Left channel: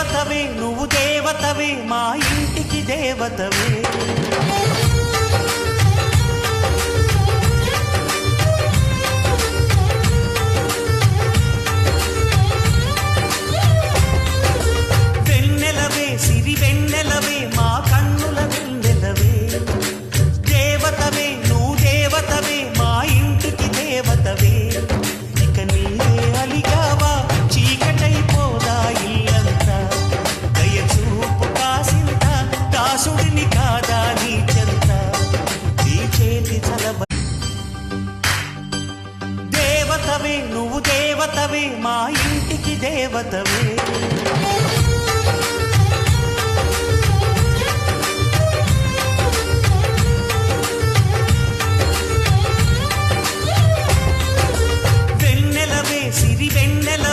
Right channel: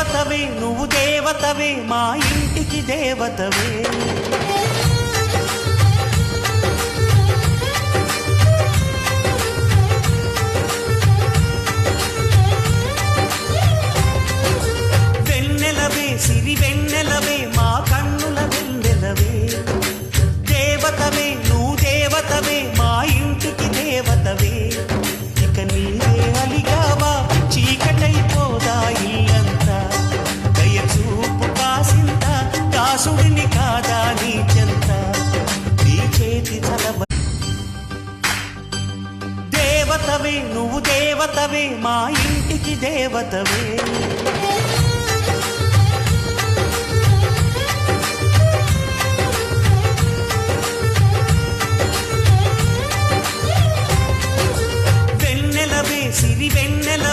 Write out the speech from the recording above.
దేవతవే నువ్వు దేవతవే మా ఇంటికి దేవతవే. వెన్నెలవే సిరి వెన్నెలవే మా కన్నుల వెన్నెలవే. దేవతవే నువ్వు దేవతవే మా ఇంటికి దేవతవే. ఇక నీవే అలిగావా చీకటైపోదా ఇల్లంతా. దయచూపు కాసింత దాసుడిని కాదా నీ చెంత. నీ చేతి చలవ దేవతవే నువ్వు దేవతవే మా ఇంటికి దేవతవే. వెన్నెలవే సిరి వెన్నెల